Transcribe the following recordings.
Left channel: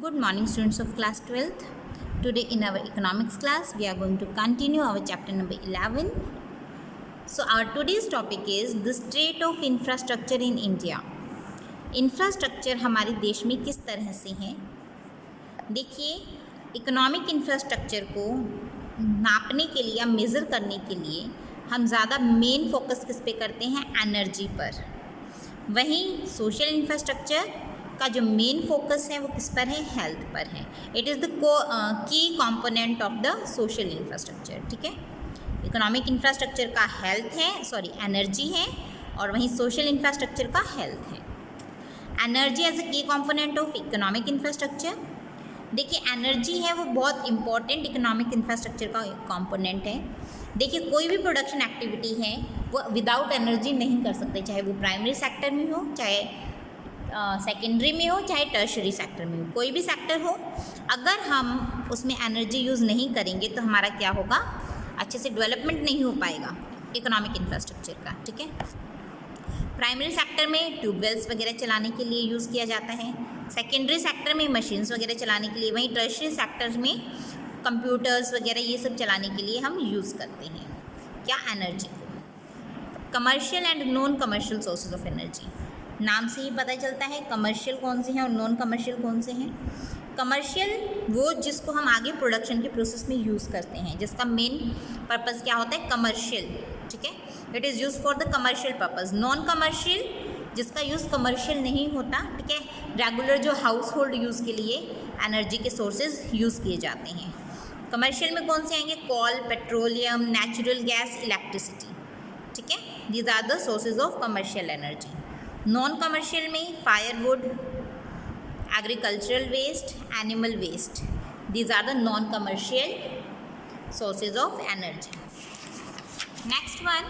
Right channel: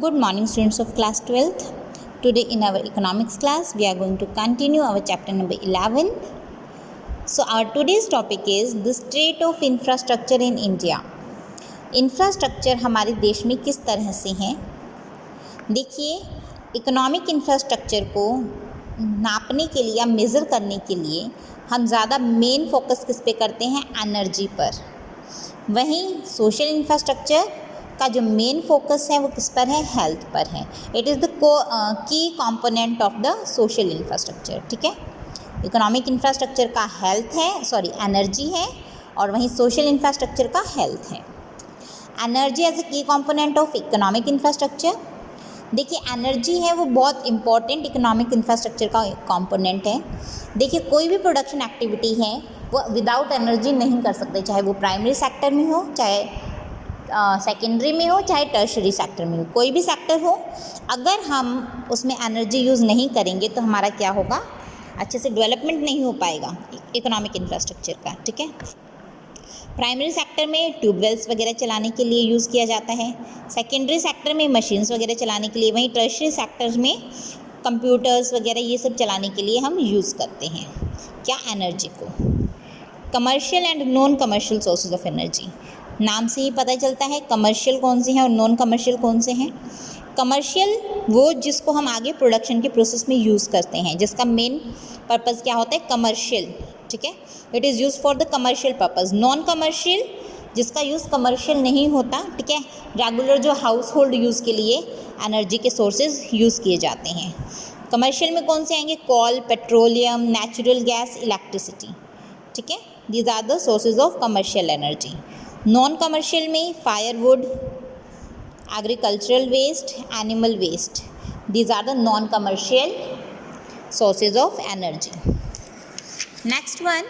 Good morning, students of class 12th. Today in our economics class we are going to continue our chapter number 11. So our today's topic is the state of infrastructure in India. Infrastructure हमारे देश में किस तरह से है। देखिए, economic infrastructure को नापने के लिए या मेज़र करने के लिए हम ज़्यादा मेन फोकस किस पे करते हैं, एनर्जी पर। वहीं सोशल इंफ्रास्ट्रक्चर का जो मेन फोकस है वो किस पर है, हेल्थ पर है। It is the key component of the social infrastructure. ठीक है, इकोनॉमिक इंफ्रास्ट्रक्चर का हेल्थ है, एनर्जी है, और वहीं सोशल इंफ्रास्ट्रक्चर का हेल्थ है। एनर्जी एज अ की कंपोनेंट ऑफ इकोनॉमिक इंफ्रास्ट्रक्चर। देखिए, एनर्जी है वो बहुत इंपॉर्टेंट इकोनॉमिक इंफ्रास्ट्रक्चर का कंपोनेंट है। देखिए, कोई भी प्रोडक्शन एक्टिविटी है वो विदाउट एनर्जी नहीं कर सकते, चाहे वो प्राइमरी सेक्टर में हो, चाहे सेकेंडरी में हो, चाहे टर्शरी सेक्टर में हो, कोई भी सेक्टर हो। अगर हम उसमें एनर्जी यूज़ नहीं करेंगे तो हमारा क्या होगा, अच्छे से डेवलपमेंट नहीं हो पाएगा इकोनॉमिक इंफ्रास्ट्रक्चर का। ठीक है, प्राइमरी सेक्टर में ट्यूबवेल्स वगैरह चलाने के लिए यूज़ किया जाता है, सेकेंडरी सेक्टर में मशीन्स वगैरह चलाने के लिए, वहीं टर्शरी सेक्टर में कंप्यूटर्स वगैरह ये सब चलाने के लिए हम यूज़ करते हैं क्या, एनर्जी को। Commercial and non commercial sources of energy, नाम से ही पता चलता है कमर्शियल कौन से हैं और नॉन कमर्शियल कौन से हैं। कमर्शियल वो जिसको हम आगे प्रोडक्शन के प्रोसेस में यूज़ करते हैं, जिसका मेन पर्पज़ क्या होता है, कमर्शियल। ठीक है, it is use for the commercial purpose. Non commercial जिसका यूज़ कमर्शियल नहीं होता, ठीक है, रेगुलर जो हाउस होल्ड यूज़ के लिए एनर्जी के सोर्सेज यूज़ किए जाते हैं। कमर्शियल में कौन से आएंगे, coal, petroleum, natural gas, electricity. ठीक है, these are the sources of commercial energy. Non commercial में firewood, agricultural waste, animal waste, these are the non commercial sources of energy. Next one,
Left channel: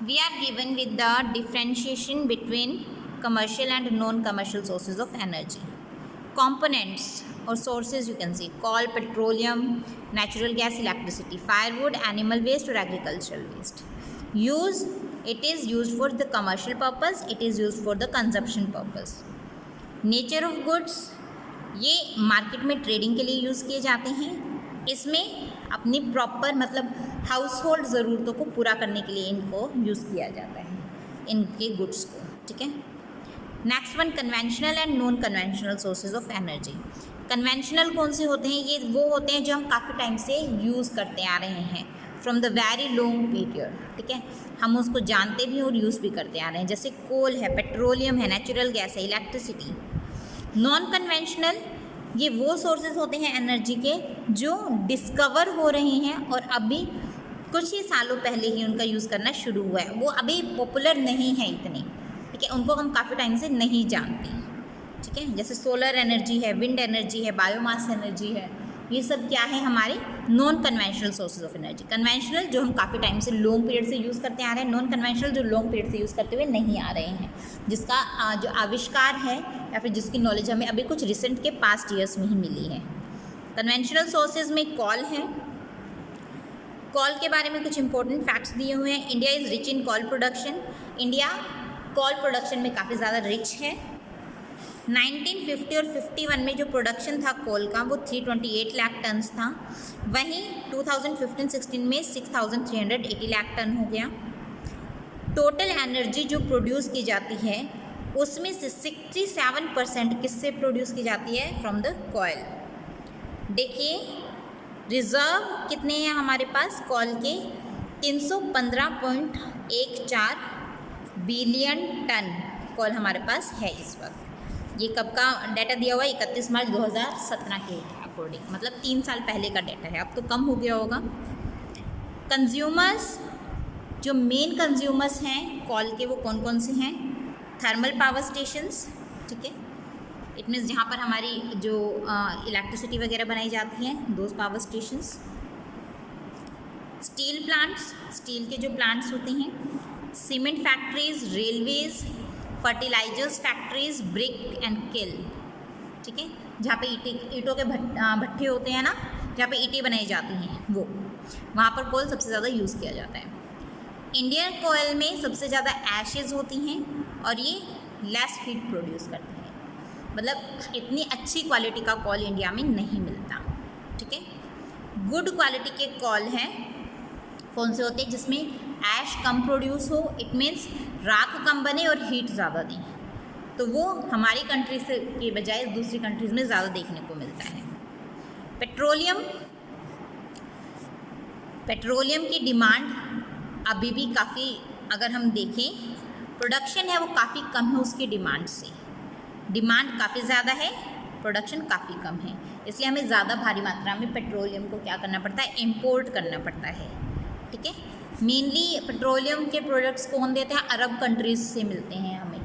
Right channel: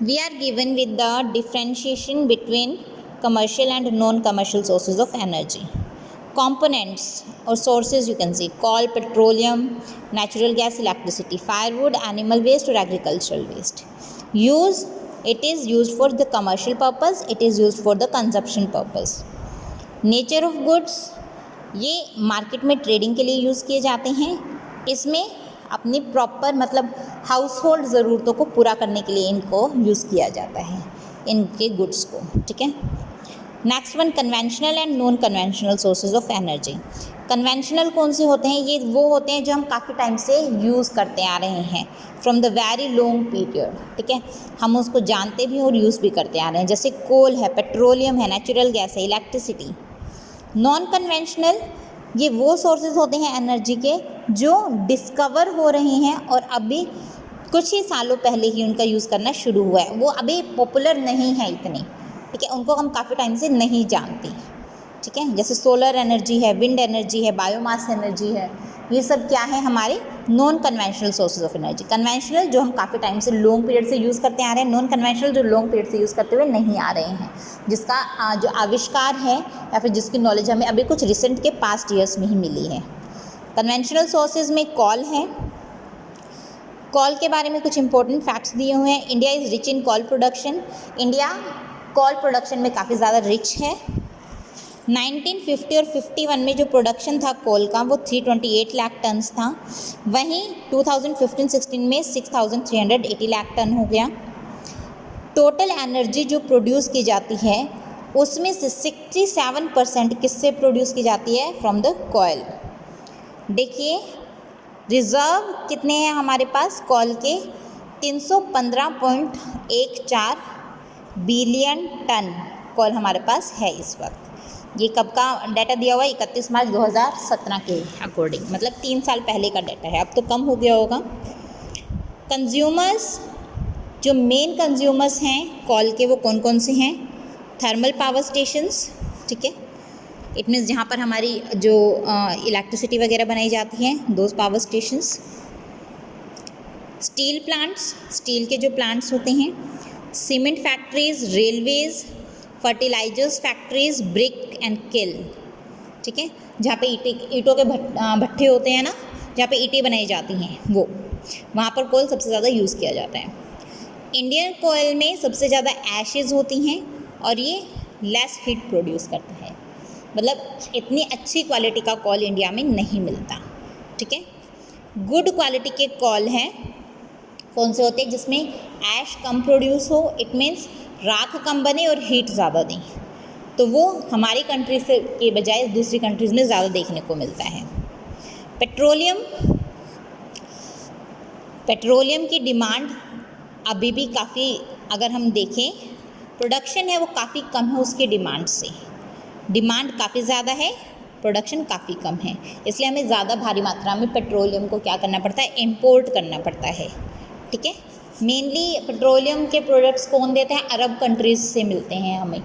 we are given with the differentiation between commercial and non-commercial sources of energy. Components or sources you can see: coal, petroleum, natural gas, electricity, firewood, animal waste or agricultural waste. Use: it is used for the commercial purpose, it is used for the consumption purpose. Nature of goods, ये market में trading के लिए use किए जाते हैं। इसमें अपनी proper मतलब हाउस होल्ड ज़रूरतों को पूरा करने के लिए इनको यूज़ किया जाता है, इनके गुड्स को। ठीक है, next one, conventional and non conventional sources of energy. Conventional कौन से होते हैं, ये वो होते हैं जो हम काफ़ी टाइम से यूज़ करते आ रहे हैं, from the very long period. ठीक है, हम उसको जानते भी और यूज़ भी करते आ रहे हैं, जैसे कोल है, पेट्रोलियम है, नेचुरल गैस है, इलेक्ट्रिसिटी। नॉन कन्वेंशनल ये वो सोर्सेज होते हैं एनर्जी के जो डिस्कवर हो रहे हैं और अभी कुछ ही सालों पहले ही उनका यूज़ करना शुरू हुआ है, वो अभी पॉपुलर नहीं है इतने। ठीक है, उनको हम काफ़ी टाइम से नहीं जानते। ठीक है, जैसे सोलर एनर्जी है, विंड एनर्जी है, बायोमास एनर्जी है, ये सब क्या है, हमारे non conventional sources of energy. Conventional जो हम काफ़ी टाइम से लॉन्ग पीरियड से यूज़ करते आ रहे हैं, नॉन कन्वेंशनल जो लॉन्ग पीरियड से यूज़ करते हुए नहीं आ रहे हैं, जिसका जो आविष्कार है या फिर जिसकी नॉलेज हमें अभी कुछ रिसेंट के पास्ट ईयर्स में ही मिली है। कन्वेंशनल सोर्सेज में कॉल है। कॉल के बारे में कुछ इंपॉर्टेंट फैक्ट्स दिए हुए हैं। India is rich in call production, India call production में काफ़ी ज़्यादा रिच है। 1950 और 51 में जो प्रोडक्शन था कोल का वो 328 लाख टन था, वहीं 2015-16 में 6380 लाख टन हो गया। टोटल एनर्जी जो प्रोड्यूस की जाती है उसमें से 67% किससे प्रोड्यूस की जाती है, फ्रॉम द कोयल। देखिए, रिज़र्व कितने हैं हमारे पास कोल के, 315.14 बिलियन टन कोल हमारे पास है इस वक्त। ये कब का डाटा दिया हुआ है, 31 मार्च 2017 के अकॉर्डिंग, मतलब 3 साल पहले का डाटा है, अब तो कम हो गया होगा। कंज्यूमर्स, जो मेन कंज्यूमर्स हैं कोल के वो कौन कौन से हैं, थर्मल पावर स्टेशंस। ठीक है, इट मीन्स जहाँ पर हमारी जो इलेक्ट्रिसिटी वगैरह बनाई जाती है, those power stations. Steel plants, steel के जो प्लांट्स होते हैं। Cement factories, railways, fertilizers factories, brick and kiln. ठीक है, जहाँ पे ईंटों के भट्ठे होते हैं ना, जहाँ पे ईंटें बनाई जाती हैं, वो वहाँ पर कोल सबसे ज़्यादा यूज़ किया जाता है। इंडियन कोयल में सबसे ज़्यादा एशेज़ होती हैं और ये लेस हीट प्रोड्यूस करता है। मतलब इतनी अच्छी क्वालिटी का कॉल इंडिया में नहीं मिलता, ठीक है। गुड क्वालिटी के कॉल हैं कौन से होते हैं, जिसमें ऐश कम प्रोड्यूस हो, इट मीन्स राख कम बने और हीट ज़्यादा दें, तो वो हमारी कंट्री से के बजाय दूसरी कंट्रीज़ में ज़्यादा देखने को मिलता है। पेट्रोलियम की डिमांड अभी भी काफ़ी, अगर हम देखें प्रोडक्शन है वो काफ़ी कम है उसकी डिमांड से, डिमांड काफ़ी ज़्यादा है, प्रोडक्शन काफ़ी कम है, इसलिए हमें ज़्यादा भारी मात्रा में पेट्रोलियम को क्या करना पड़ता है, इंपोर्ट करना पड़ता है, ठीक है। मेनली पेट्रोलियम के प्रोडक्ट्स कौन देते हैं, अरब कंट्रीज़ से मिलते हैं हमें,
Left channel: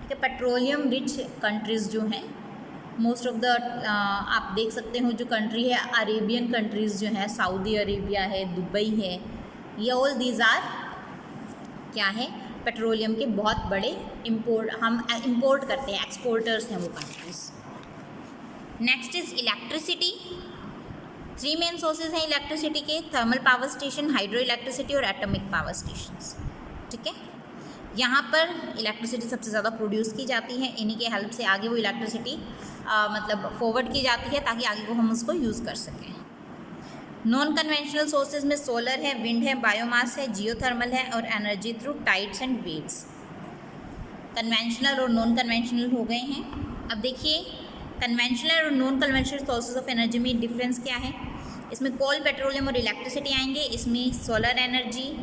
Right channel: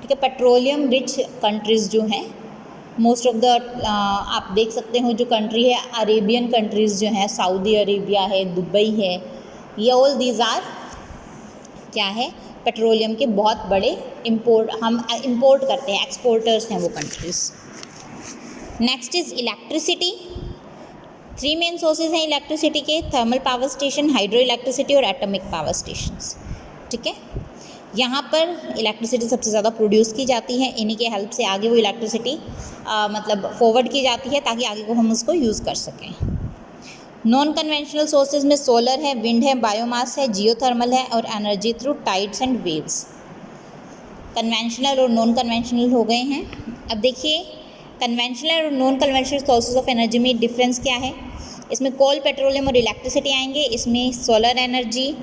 ठीक है। पेट्रोलियम रिच कंट्रीज़ जो हैं, मोस्ट ऑफ द आप देख सकते हो जो कंट्री है, अरेबियन कंट्रीज़ जो हैं, सऊदी अरेबिया है, दुबई है, ये ऑल दीज आर क्या है, पेट्रोलियम के बहुत बड़े हम इंपोर्ट करते हैं, एक्सपोर्टर्स हैं वो countries. Next is electricity. 3 main sources हैं इलेक्ट्रिसिटी के, thermal power station, hydro electricity और एटॉमिक पावर स्टेशंस, ठीक है। यहाँ पर इलेक्ट्रिसिटी सबसे ज़्यादा प्रोड्यूस की जाती है, इन्हीं के हेल्प से आगे वो इलेक्ट्रिसिटी मतलब फॉरवर्ड की जाती है ताकि आगे को हम उसको यूज़ कर सकें। नॉन कन्वेंशनल सोर्सेज में सोलर है, विंड है, बायोमास है, जियोथर्मल है और energy through tides and waves. Conventional और नॉन कन्वेंशनल हो गए हैं। अब देखिए कन्वेंशनल और non conventional sources of energy में डिफरेंस क्या है। इसमें कोल, पेट्रोलियम और इलेक्ट्रिसिटी आएंगे, इसमें सोलर एनर्जी,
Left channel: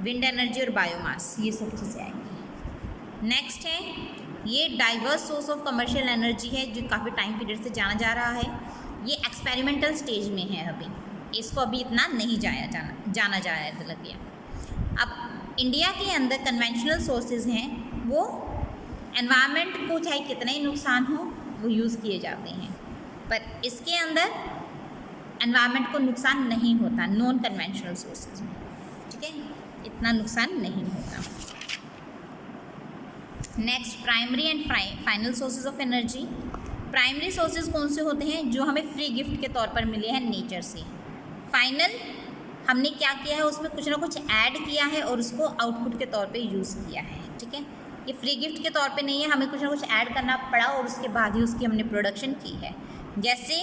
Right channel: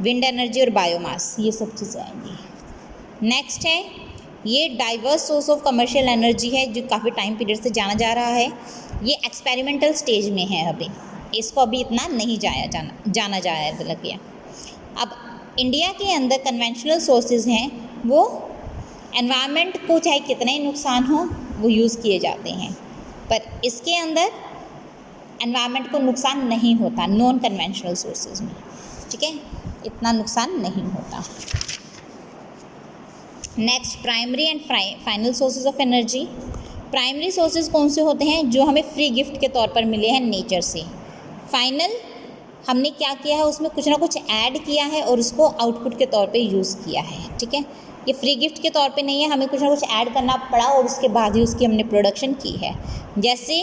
विंड एनर्जी और बायोमास, ये सब चीज़ें आएंगी। नेक्स्ट है ये diverse source of commercial energy है, जो काफ़ी टाइम पीरियड से जाना जा रहा है, ये एक्सपेरिमेंटल स्टेज में है अभी, इसको अभी इतना नहीं जाना गया। अब इंडिया के अंदर कन्वेंशनल सोर्सेज हैं वो एनवायरनमेंट को चाहे कितना ही नुकसान हो वो यूज़ किए जाते हैं, पर इसके अंदर एनवायरनमेंट को नुकसान नहीं होता नॉन कन्वेंशनल सोर्सेज में, ठीक है, इतना नुकसान नहीं होता। Next primary and final sources of energy. Primary sources कौन से होते हैं, जो हमें फ्री गिफ्ट के तौर पर मिले हैं नेचर से। फाइनल हमने क्या किया है, उसमें कुछ ना कुछ ऐड किया है और उसको आउटपुट के तौर पे यूज़ किया है, ठीक है। ये फ्री गिफ्ट के तौर पे नहीं है, हमें कुछ ना कुछ ऐड करना पड़ा और उसके बाद ही उसकी हमने प्रोडक्शन की है। जैसे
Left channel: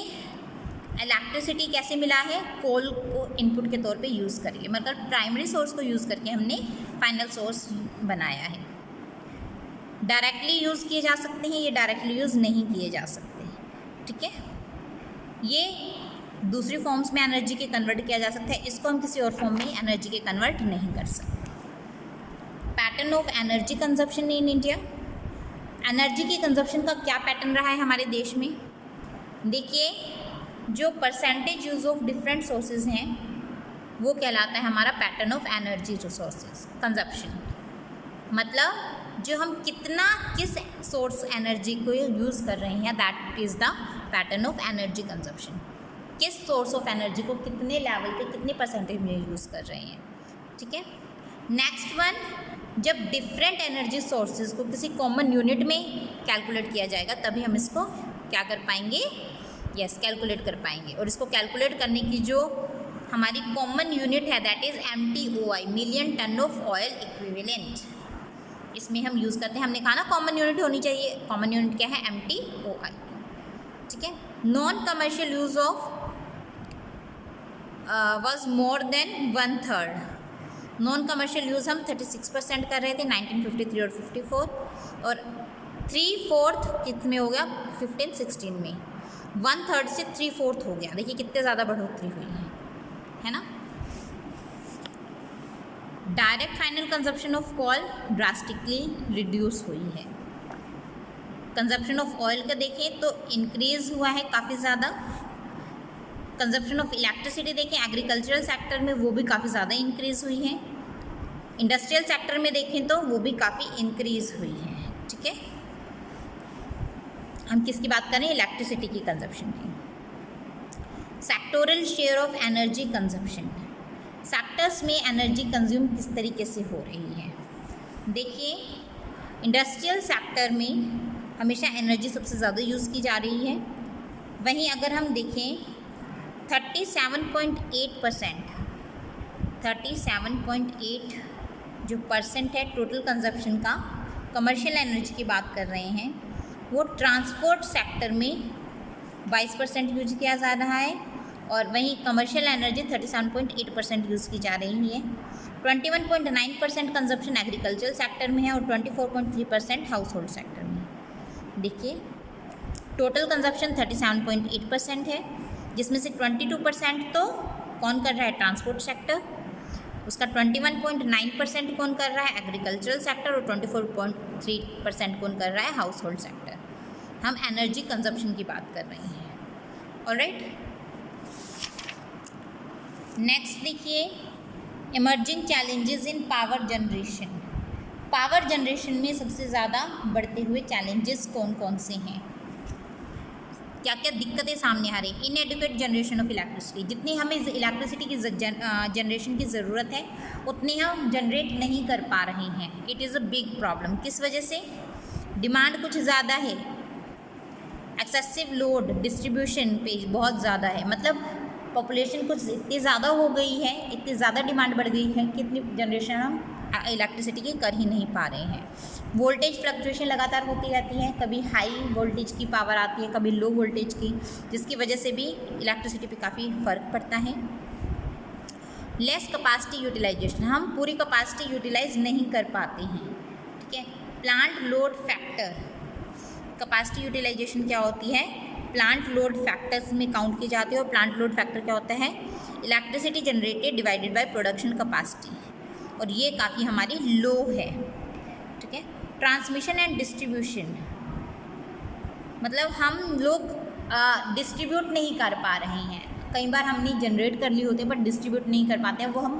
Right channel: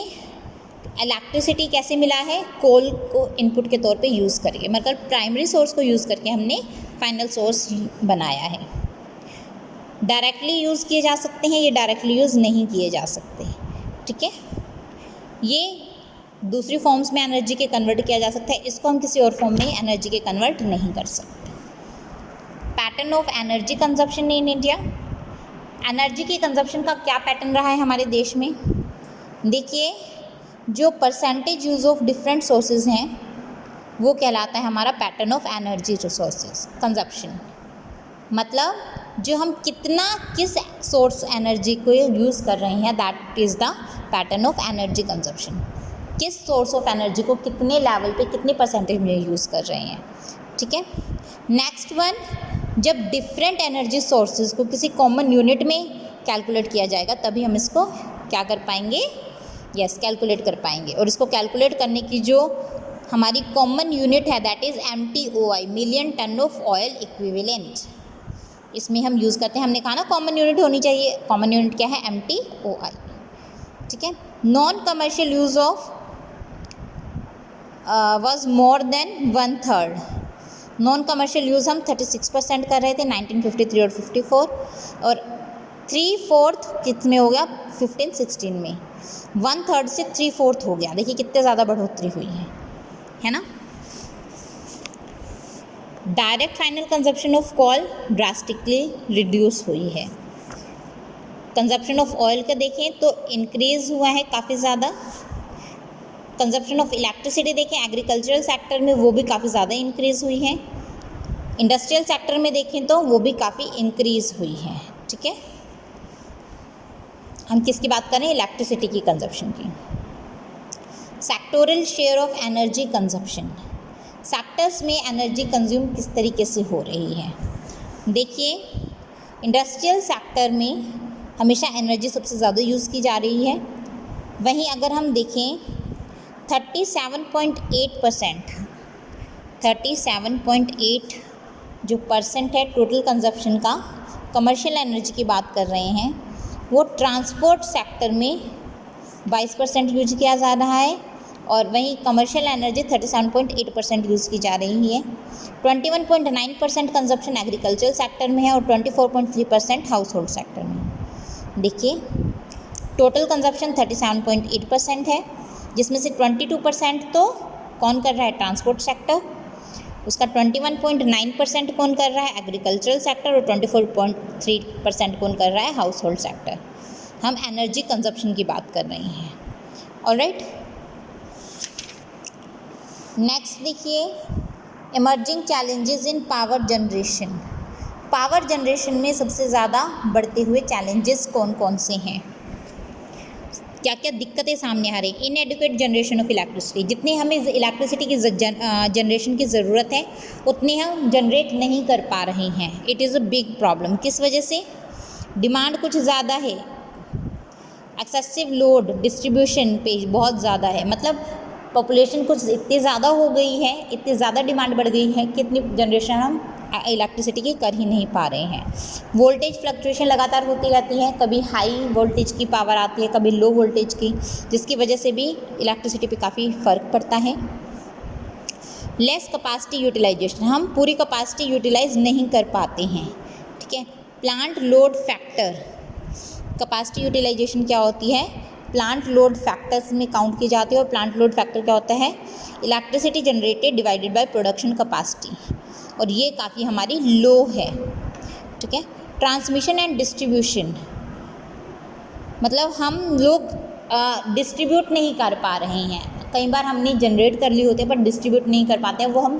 इलेक्ट्रिसिटी कैसे मिला है, कोल को इनपुट के तौर पे यूज़ करके, मतलब प्राइमरी सोर्स को यूज़ करके हमने फाइनल सोर्स बनाया है। डायरेक्टली यूज़ किए जा सकते हैं, ये डायरेक्टली यूज़ नहीं किए जा सकते, ठीक है। ये दूसरी फॉर्म्स में एनर्जी के कन्वर्ट किया जा सकता है, इसको हम किसी और फॉर्म में एनर्जी के कन्वर्ट नहीं कर सकते। Pattern of energy consumption in India. Energy की कंजप्शन का क्या पैटर्न रहा है हमारे देश में, देखिए जो percentage use of different sources हैं वो कहलाता है हमारा pattern of energy resources consumption. मतलब जो हम किस सोर्स एनर्जी को यूज़ कर रहे हैं, that is the pattern of energy consumption. किस सोर्स ऑफ एनर्जी को कितने लेवल पे कितने परसेंटेज में यूज़ कर रहे हैं, ठीक है। नेक्स्ट वन, जब डिफरेंट एनर्जी सोर्सेज को किसी कॉमन यूनिट में कैलकुलेट किया जाएगा तभी हम इसको क्या कर पाएंगे, कैलकुलेट कर पाएंगे। और इसको कैलकुलेट करने की जो हमारी कॉमन यूनिट है that is MTOI, million ton of oil equivalent, इसमें हम यूज़ करते हैं। हमने कहा ना कॉमन यूनिट होनी चाहिए, कॉमन यूनिट क्या है, MTOI, ठीक है। Non commercial use of was more than 1/3। Non commercial use हम 36% कर रहे थे 1953 और 54, और 3/4 कितने हो गया 15-16 में, 1/3 से 3/4 हो गया। देखिए कितने ज़्यादा बढ़ोतरी हुई है ना। Direct final consumption of call drastically reduce हुई है। कंजप्शन ऑफ ऑयल का देखें तो इंक्रीज़ हुआ है काफ़ी ज़्यादा। कंजप्शन ऑफ इलेक्ट्रिसिटी देखें एग्रीकल्चरल सेक्टर में वो भी काफ़ी ज़्यादा इंक्रीज़ हुई है। इंडस्ट्रियल सेक्टर में देखें तो वो भी काफ़ी इंक्रीज़ हुई है, ठीक है। हम किसकी बात करें, इलेक्ट्रिसिटी की कंजप्शन की। Sectoral share of energy consumption, sectors में एनर्जी कंज्यूम किस तरीके से हो रही है। देखिए इंडस्ट्रियल सेक्टर में हमेशा एनर्जी सबसे ज़्यादा यूज़ की जा रही है। वहीं अगर हम देखें 37.8% जो परसेंट है टोटल कंजप्शन का, कमर्शियल एनर्जी की बात कर रहे हैं, वो ट्रांसपोर्ट सेक्टर में 22% यूज किया जा रहा है और वहीं कमर्शियल एनर्जी 37.8% यूज़ की जा रही है। 21.9% कंजप्शन एग्रीकल्चर सेक्टर में है और 24.3% हाउस होल्ड सेक्टर में है। देखिए टोटल कंजप्शन 37.8% है, जिसमें से 22% तो कौन कर रहा है, ट्रांसपोर्ट सेक्टर, उसका 21.9% कौन कर रहा है, एग्रीकल्चरल सेक्टर, और 24.3% कौन कर रहा है, हाउस होल्ड सेक्टर। हम एनर्जी कंजप्शन की बात कर रहे हैं। ऑलराइट, नेक्स्ट देखिए emerging challenges in power generation. Power generation में सबसे ज़्यादा बढ़ते हुए चैलेंजेस कौन कौन से हैं, क्या क्या दिक्कतें सामने आ रही। इनएडिक्वेट जनरेशन ऑफ इलेक्ट्रिसिटी, जितनी हमें इलेक्ट्रिसिटी की जनरेशन की ज़रूरत है उतनी हम जनरेट नहीं कर पा रहे हैं। It is a big problem. किस वजह से, डिमांड कुछ ज़्यादा है, एक्सेसिव लोड डिस्ट्रीब्यूशन पे बहुत ज़्यादा है, मतलब पॉपुलेशन कुछ इतनी ज़्यादा हो गई है, इतनी ज़्यादा डिमांड बढ़ गई है कि इतनी जनरेशन हम इलेक्ट्रिसिटी की कर ही नहीं पा रहे हैं। वोल्टेज फ्लक्चुएशन लगातार होती रहती है, कभी हाई वोल्टेज की पावर आती है, कभी लो वोल्टेज की, जिसकी वजह से भी इलेक्ट्रिसिटी पे काफ़ी फ़र्क पड़ता है। लेस कैपेसिटी यूटिलाइजेशन, हम पूरी कैपेसिटी यूटिलाइज नहीं कर पाते हैं, ठीक है। Plant load factor, capacity utilization क्या होती है, प्लांट लोड फैक्टर्स में काउंट की जाती है, और प्लांट लोड फैक्टर क्या होता है, electricity generated divided by production capacity, और ये काफ़ी हमारी लो है, ठीक है। ट्रांसमिशन एंड डिस्ट्रीब्यूशन, मतलब हम लोग डिस्ट्रीब्यूट नहीं कर पा रहे हैं, कई बार हमने जनरेट कर ली होती है पर डिस्ट्रीब्यूट नहीं कर पाते हैं, वो हम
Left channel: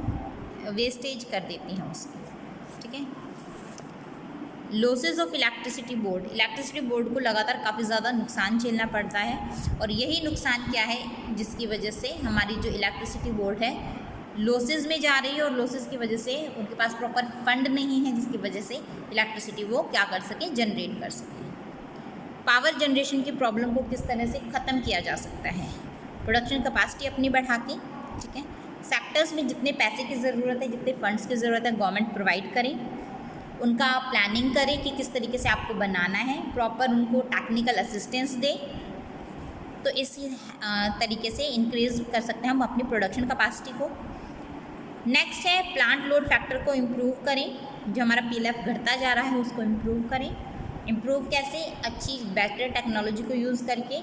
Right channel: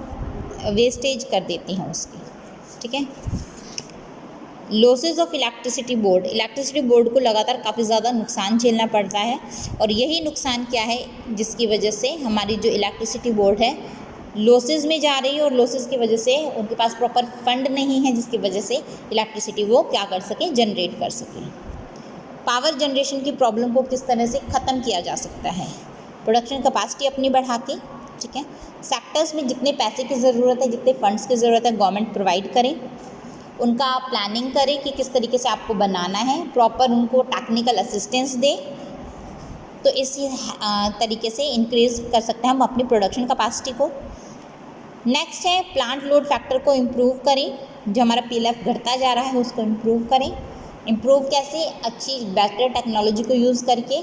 वेस्टेज कर देते हैं उसकी, ठीक है। Losses of electricity board, electricity board को लगातार काफ़ी ज़्यादा नुकसान झेलना पड़ता है, और यही नुकसान क्या है जिसकी वजह से हमारी जो इलेक्ट्रिसिटी बोर्ड है लॉसेज में जा रही है, और लॉसेज की वजह से उनके पास प्रॉपर फंड नहीं है, जिसकी वजह से इलेक्ट्रिसिटी वो क्या कर सके, जनरेट कर सके। पावर जनरेशन की प्रॉब्लम को किस तरह से ख़त्म किया जा सकता है, प्रोडक्शन कैपेसिटी अपनी बढ़ा के, ठीक है। सेक्टर्स में जितने पैसे की ज़रूरत है, जितने फंड्स की ज़रूरत है, गवर्नमेंट प्रोवाइड करे, उनका प्लानिंग करें कि किस तरीके से आपको बनाना है, प्रॉपर उनको टेक्निकल असिस्टेंस दे, तो इसी तरीके से इंक्रीज़ कर सकते हैं हम अपनी प्रोडक्शन कैपेसिटी को। नेक्स्ट है प्लांट लोड फैक्टर को इम्प्रूव करें, जो हमारा पीएलएफ घटता जा रहा है उसको इम्प्रूव करें। इम्प्रूव कैसे, अच्छी बेटर टेक्नोलॉजी को यूज़ करके,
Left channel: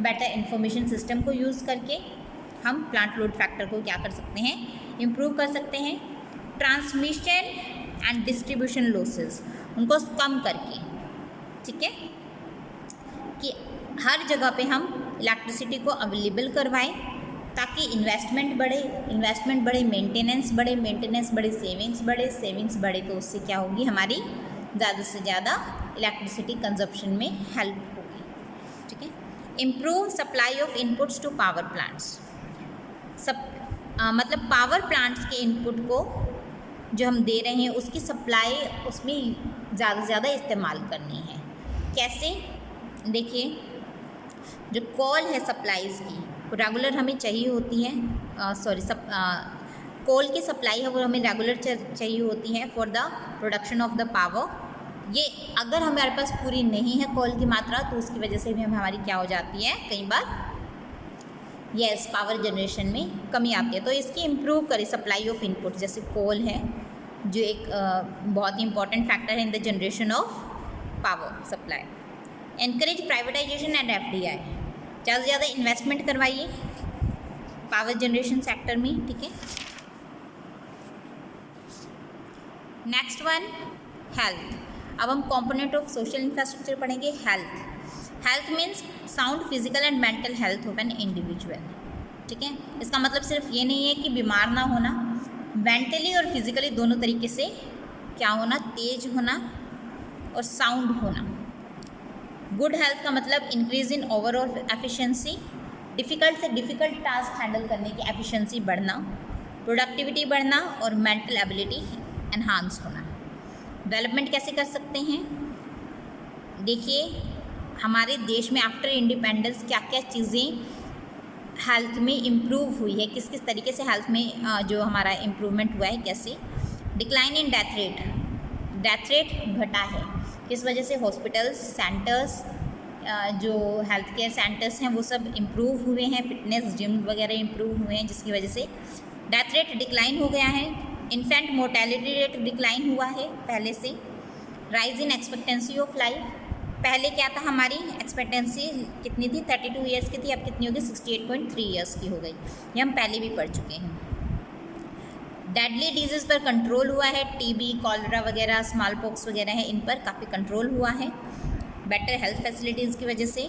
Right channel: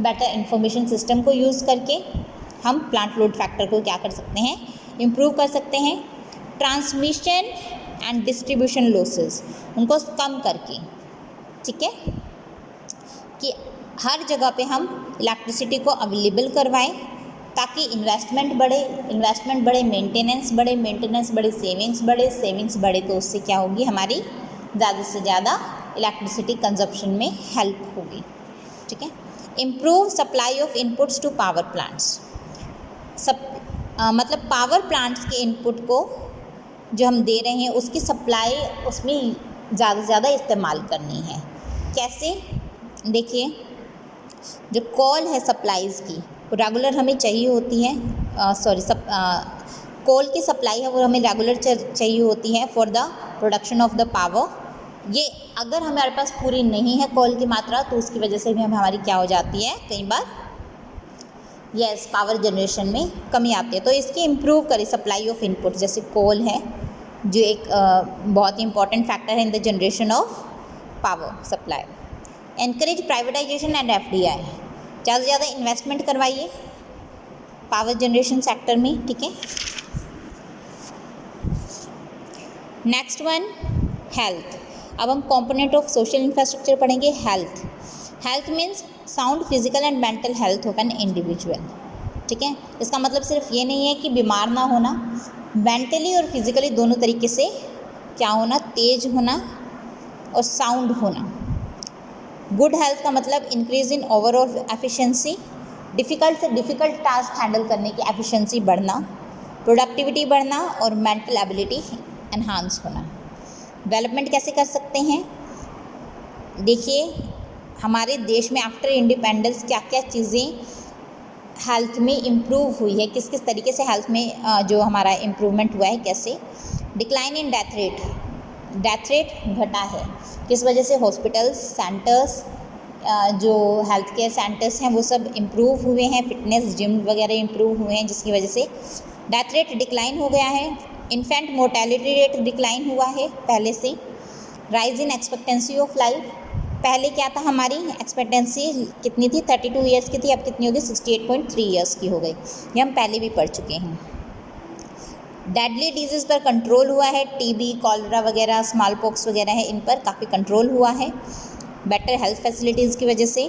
बेटर इंफॉर्मेशन सिस्टम को यूज़ करके हम प्लांट लोड फैक्टर को क्या कर सकते हैं, इम्प्रूव कर सकते हैं। ट्रांसमिशन एंड डिस्ट्रीब्यूशन लॉसेस, उनको कम करके, ठीक है, कि हर जगह पे हम इलेक्ट्रिसिटी को अवेलेबल करवाएं, ताकि इन्वेस्टमेंट बढ़े, मेंटेनेंस बढ़े, सेविंग्स बढ़े, तो उससे क्या होगी, हमारी ज़्यादा से ज़्यादा इलेक्ट्रिसिटी कंजप्शन में हेल्प होगी, ठीक है। Improve supply of inputs to power plants, मतलब पावर प्लांट्स के इनपुट को जो हम दे रहे हैं उसकी सप्लाई उसमें ज़्यादा से ज़्यादा इस्तेमाल करनी है। कैसे, देखिए जो कॉल है सप्लाईज़ की, वो रेगुलर हमें चाहिए होती है, कोल की सप्लाई है वो हमें रेगुलर चाहिए होती है for the production of the power. ये अगर हमारे पास पूरी नहीं है कोल की मात्रा, तो उसकी वजह से भी हमारी क्या हो जाती है, कई बार पावर जनरेशन में कमी आती है। तो इसकी इम्प्रूव करें सप्लाई ऑफ इनपुट, जैसे कोल है जो एक बहुत ही इंपॉर्टेंट फैक्टर है in the generation of power supply. Encourage privatisation and FDI, ज़्यादा से ज़्यादा इन्वेस्टमेंट करवाइए पावर जनरेशन सेक्टर में, ठीक है। Next one, health. अब हम कंपोनेंट ऑफ सोशल इंफ्रास्ट्रक्चर पढ़ेंगे। Health means sound physical and mental health of an individual, ठीक है। इसका मतलब सिर्फ ये नहीं है कि बीमार ना होना, मेंटली और फिजिकली दोनों तरीके से क्या होना, तेज होना और साउंड होना। गुड हेल्थ का मतलब increase in overall efficiency, difficult से डिफ़िकल्ट टास्क हैंडल करने की एफिशिएंसी बढ़ना, प्रोडक्टिविटी बढ़ना और मेंटल एबिलिटी एनहांस होना। डेवलपमेंट कैसे कर सकते हैं, देखिए हमारे देश में आफ्टर इंडिपेंडेंस क्या क्या चीज़ें हेल्थ में इम्प्रूव हुई है, किस किस तरीके से हेल्थ में जो हमारा इम्प्रूवमेंट हुआ है, कैसे। डिक्लाइन इन डेथ रेट घटा है, किस वजह से, हॉस्पिटल्स, सेंटर्स, जो हेल्थ केयर सेंटर्स हैं वो सब इम्प्रूव हुए हैं, फिटनेस जिम वगैरह इम्प्रूव हुए हैं, जिसकी वजह से डेथ रेट डिक्लाइन हो गया है, इन्फेंट मोर्टेलिटी रेट डिक्लाइन हुआ है पहले से, rise in expectancy of life. पहले क्या था, हमारी एक्सपेक्टेंसी कितनी थी, 32 ईयर्स की थी, अब कितनी होगी, 68.3 ईयर्स की हो गई। ये हम पहले भी पढ़ चुके हैं। डेडली डिजीज़ पर कंट्रोल हुआ है, टीबी, कॉलरा वगैरह, स्मॉल पॉक्स वगैरह है, इन पर काफ़ी कंट्रोल हुआ है बेटर हेल्थ फैसिलिटीज़ की वजह से।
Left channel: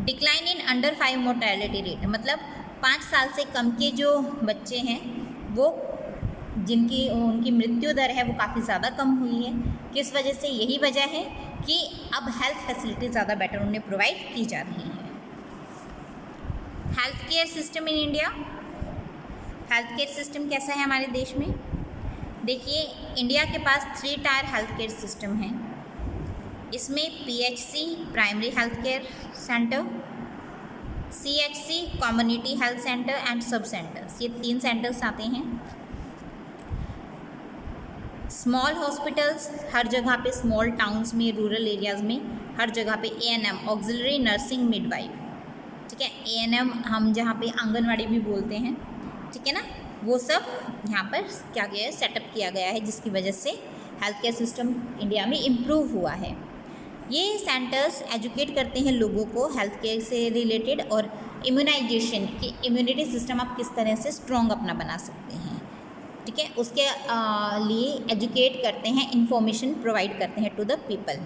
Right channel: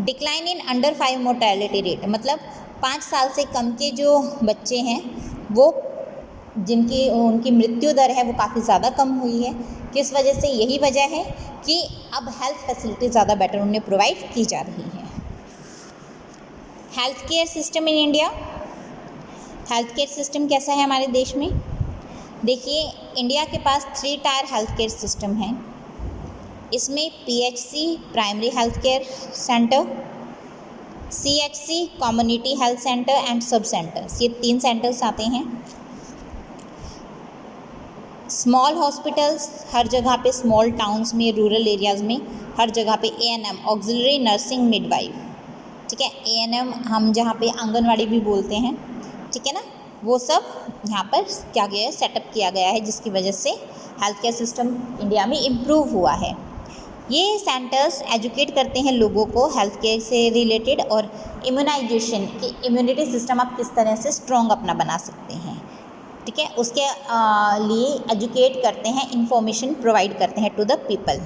Decline in under 5 mortality rate, मतलब 5 साल से कम के जो बच्चे हैं वो जिनकी उनकी मृत्यु दर है वो काफ़ी ज़्यादा कम हुई है। किस वजह से, यही वजह है कि अब हेल्थ फैसिलिटी ज़्यादा बेटर उन्हें प्रोवाइड की जा रही है। Health care system in India, health care system कैसा है हमारे देश में? देखिए, इंडिया के पास 3 टायर हेल्थ केयर सिस्टम है। इसमें PHC primary health care centre, CHC community health centre and सब सेंटर्स, ये 3 सेंटर्स आते हैं। स्मॉल हॉस्पिटल्स हर जगह पे, स्मॉल टाउन्स में, रूरल एरियाज़ में हर जगह पे ANM ऑक्सिलरी नर्सिंग मिडवाइफ, ठीक है, ANM हम जहाँ पे आंगनवाड़ी भी बोलते हैं, ठीक है ना, वो सब यहाँ पर क्या गया है, सेटअप किया गया है, जिसकी वजह से हेल्थ केयर सिस्टम इंडिया में इम्प्रूव हुआ है। ये सेंटर्स एजुकेट करते हैं लोगों को हेल्थ केयर से रिलेटेड और इम्यूनाइजेशन की, इम्यूनिटी सिस्टम आप किस तरह से स्ट्रॉन्ग अपना बना सकते हैं, ठीक है, उसके लिए एजुकेट करते हैं, इंफॉर्मेशन प्रोवाइड करते हैं to the people.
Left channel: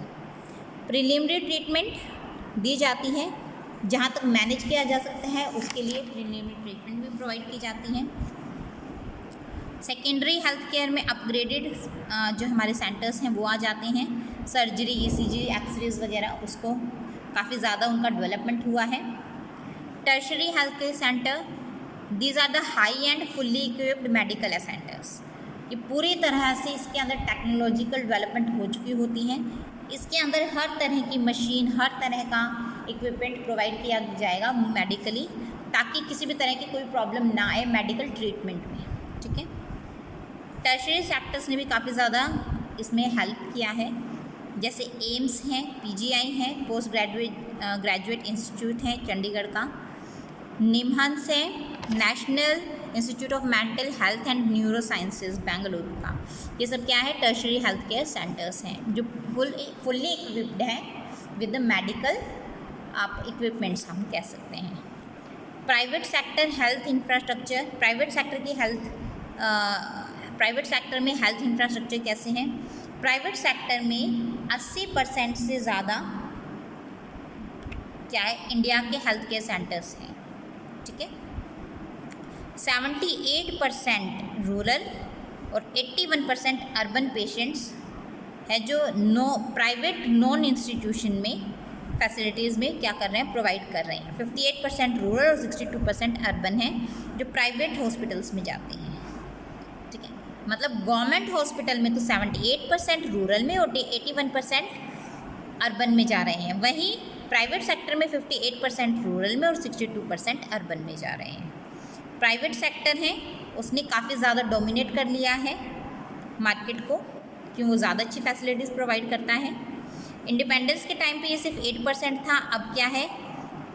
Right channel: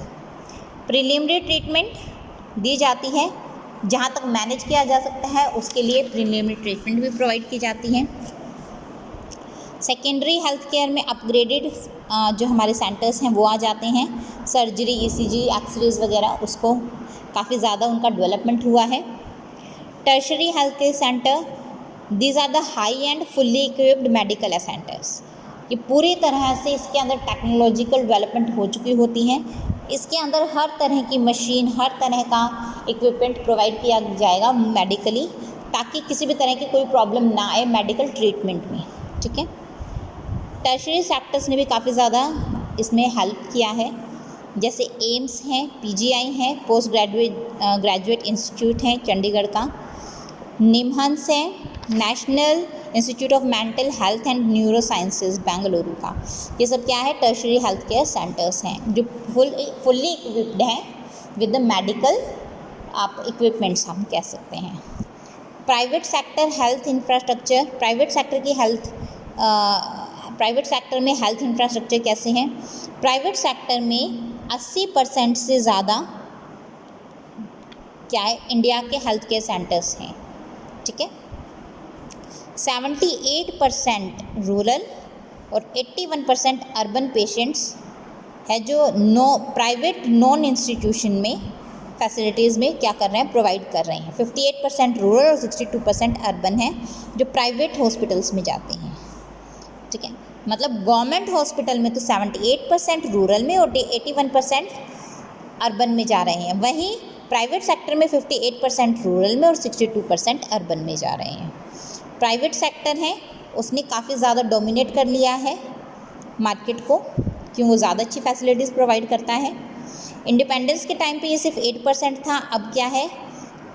Preliminary treatment दी जाती है, जहाँ तक मैनेज किया जा सकता है उसके लिए प्रिलिमिनरी ट्रीटमेंट भी प्रोवाइड की जाती है। सेकेंडरी हेल्थ केयर में अपग्रेडेड जो हमारे सेंटर्स हैं वो आ जाते हैं, सर्जरी, ECG, एक्सरेज वगैरह, उसको काफ़ी ज़्यादा उनका डेवलपमेंट हुआ है। Tertiary health care center, these are the high end fully equipped medical centers, ये पूरी तरह से इसके अंदर टेक्नोलॉजिकल डेवलपमेंट हो चुकी होती हैं, इसके अंदर हर तरह की मशीन, हर तरह का इक्विपमेंट प्रोवाइड किया जाएगा मेडिकली, ताकि किसी भी तरह की कोई प्रॉब्लम ना आए मेडिकल ट्रीटमेंट में, ठीक है। टर्शरी सेक्टर्स ने भी काफ़ी ज़्यादा इसमें हेल्प किया है, जैसे एम्स हैं, PGI हैं, पोस्ट ग्रेजुएट इंस्टीट्यूट हैं चंडीगढ़ का, निमहंस है, national institute of mental health and neuro sciences Bengaluru का, ये सब क्या है, टर्शरी हेल्थ केयर सेंटर्स हैं जो फुल्ली इक्विप्ड हैं विद द मेडिकल आप इक्विपमेंट्स हम कह सकते हैं। Private sector health infrastructure, private sector में हेल्थ इंफ्रास्ट्रक्चर कैसे हैं? प्राइवेट सेक्टर में 80% से ज़्यादा क्या है, इंडिया के हेल्थ केयर सेंटर्स हैं, ठीक है। 78% रूरल और 81% अर्बन पेशेंट्स है जो प्राइवेट नॉन इंस्टीट्यूशन में फैसिलिटीज़ में क्या कर रहे हैं, प्रोवाइड कर रहे हैं। 58% रूरल और 62% अर्बन है जो प्राइवेट हॉस्पिटल्स में जाते हैं, ठीक है। मतलब गवर्नमेंट हॉस्पिटल में तो 78% रूरल में और 81% अर्बन में जा रहे हैं, वहीं प्राइवेट सेक्टर में 58% रूरल में और 62% अर्बन में जा रहे हैं। प्राइवेट सेक्टर है उसने काफ़ी ज़्यादा डोमिनेट कर लिया है मार्केट को, क्यों, वो ज़्यादा अच्छी फैसिलिटीज़ प्रोवाइड करता है। इंडिपेंडेंस के टाइम पे ये सिर्फ 8% था, अब क्या है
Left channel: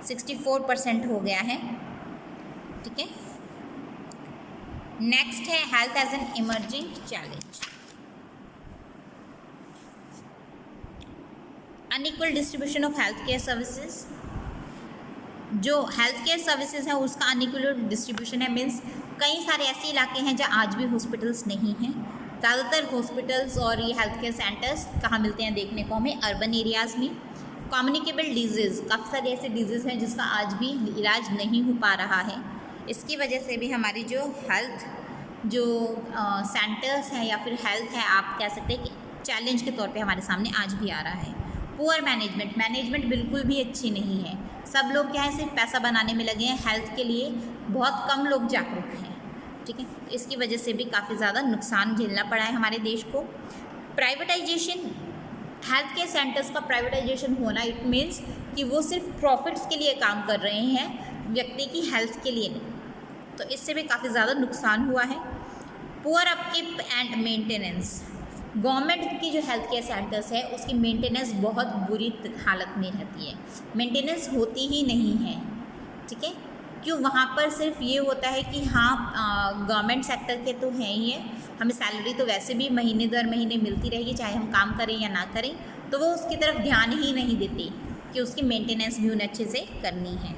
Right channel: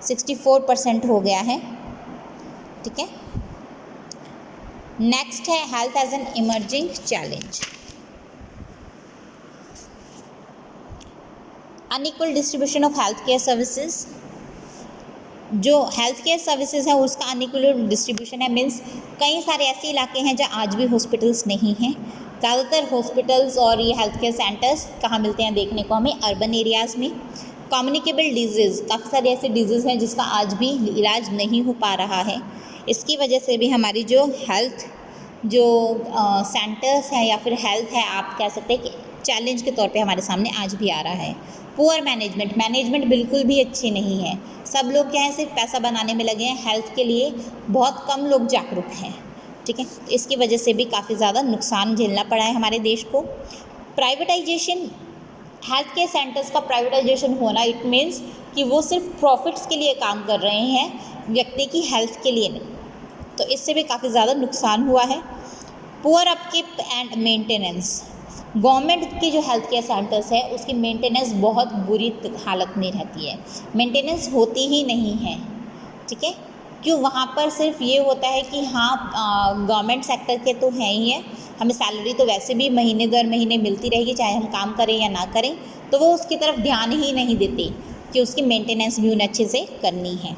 64% हो गया है, ठीक है। नेक्स्ट है health as an emerging challenge. Unequal distribution of health care services, जो हेल्थ केयर सर्विसेज है उसका अनइक्वल डिस्ट्रीब्यूशन है, मीन्स कई सारे ऐसे इलाके हैं जहाँ आज भी हॉस्पिटल्स नहीं हैं। ज़्यादातर हॉस्पिटल्स और ये हेल्थ केयर सेंटर्स कहाँ मिलते हैं देखने को हमें, अर्बन एरियाज़ में। कम्युनिकेबल डिजीज़, काफ़ी सारे ऐसे डिजीज़ हैं जिसका आज भी इलाज नहीं हो पा रहा है, इसकी वजह से भी हमारी जो हेल्थ जो सेंटर्स हैं या फिर हेल्थ है, आप कह सकते हैं कि चैलेंज के तौर पे हमारे सामने आज भी आ रहा है। पुअर मैनेजमेंट बिल्कुल भी अच्छी नहीं है, सब लोग क्या है सिर्फ पैसा बनाने में लगे हैं, हेल्थ के लिए बहुत कम लोग जागरूक हैं, ठीक है। इसकी वजह से भी काफ़ी ज़्यादा नुकसान झेलना पड़ा है हमारे देश को। प्राइवेटाइजेशन, हेल्थ केयर सेंटर्स का प्राइवेटाइजेशन होना, इट मीन्स कि वो सिर्फ प्रॉफिट्स के लिए काम कर रहे हैं, व्यक्ति की हेल्थ के लिए नहीं, तो इससे भी काफ़ी ज़्यादा नुकसान हुआ है। Poor upkeep and maintenance, government की जो हेल्थ केयर सेंटर्स है उसकी मेंटेनेंस बहुत बुरी हालत में रहती है, मेंटेनेंस होती ही नहीं है, ठीक है। क्यों? वहाँ पर सिर्फ ये होता है कि हाँ गवर्नमेंट सेक्टर के तो हैं ही है, हमें सैलरी तो वैसे भी महीने दर महीने मिलती रहेगी चाहे हम काम करें या ना करें, तो वो उसकी तरफ ध्यान ही नहीं देते कि उसकी मेंटेनेंस भी उन्हें अच्छे से करनी है।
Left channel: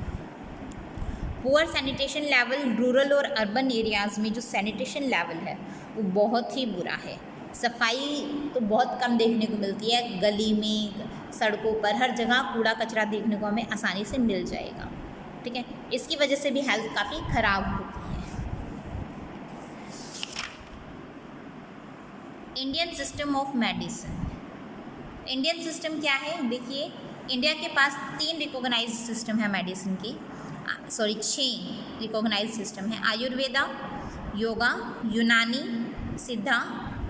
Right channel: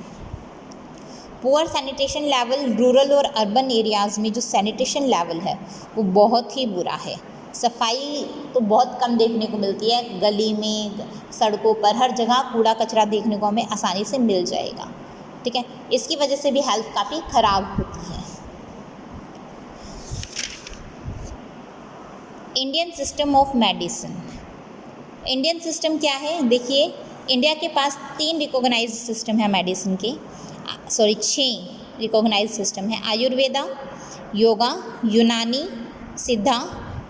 पुअर सैनिटेशन लेवल, रूरल और अर्बन एरियाज़ में जो सैनिटेशन लेवल है वो बहुत ही बुरा है। सफाई तो बहुत कम देखने को मिलती है, गली में, सड़कों पर, हर जगह कूड़ा कचरा देखने को हमें आसानी से मिल जाएगा, ठीक है। इसकी वजह से भी हेल्थ काफ़ी ख़राब होती है। Indian system of medicine, Indian system क्या है? देखिए, इंडिया के पास 3 रिकॉग्नाइज सिस्टम है मेडिसिन के, 6 रिकॉग्नाइज सिस्टम है। आयुर्वेदा, योगा, यूनानी, सिद्धा,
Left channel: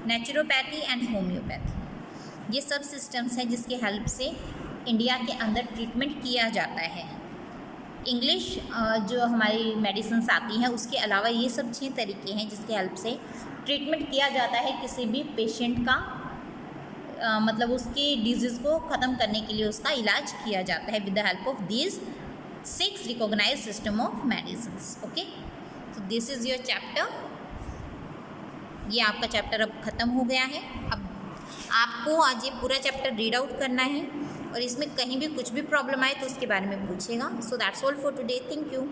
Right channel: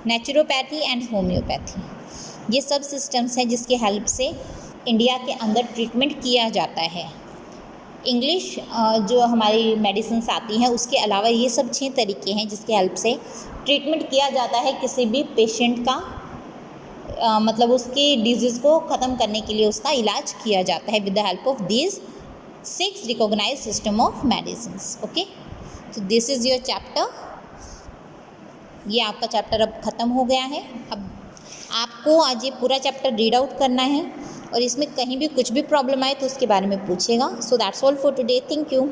नेचुरोपैथी एंड होम्योपैथी। ये सब सिस्टम्स हैं जिसके हेल्प से इंडिया के अंदर ट्रीटमेंट किया जाता है। इंग्लिश जो हमारी मेडिसिन्स आती हैं उसके अलावा ये सब 6 तरीके हैं जिसके हेल्प से ट्रीटमेंट किया जाता है किसी भी पेशेंट का, मतलब उसकी डिजीज़ को ख़त्म करने के लिए उसका इलाज किया जाता है with the help of these 6 recognize system of medicines. Okay, तो दिस इज़ योर चैप्टर। ये आपका चैप्टर अब ख़त्म हो गया है। अब आपको आज ये पूरा चैप्टर रीड आउट करना है और इसमें कहीं भी कुछ भी प्रॉब्लम आए तो उसके बारे में पूछेगा। So that's all for today, thank you.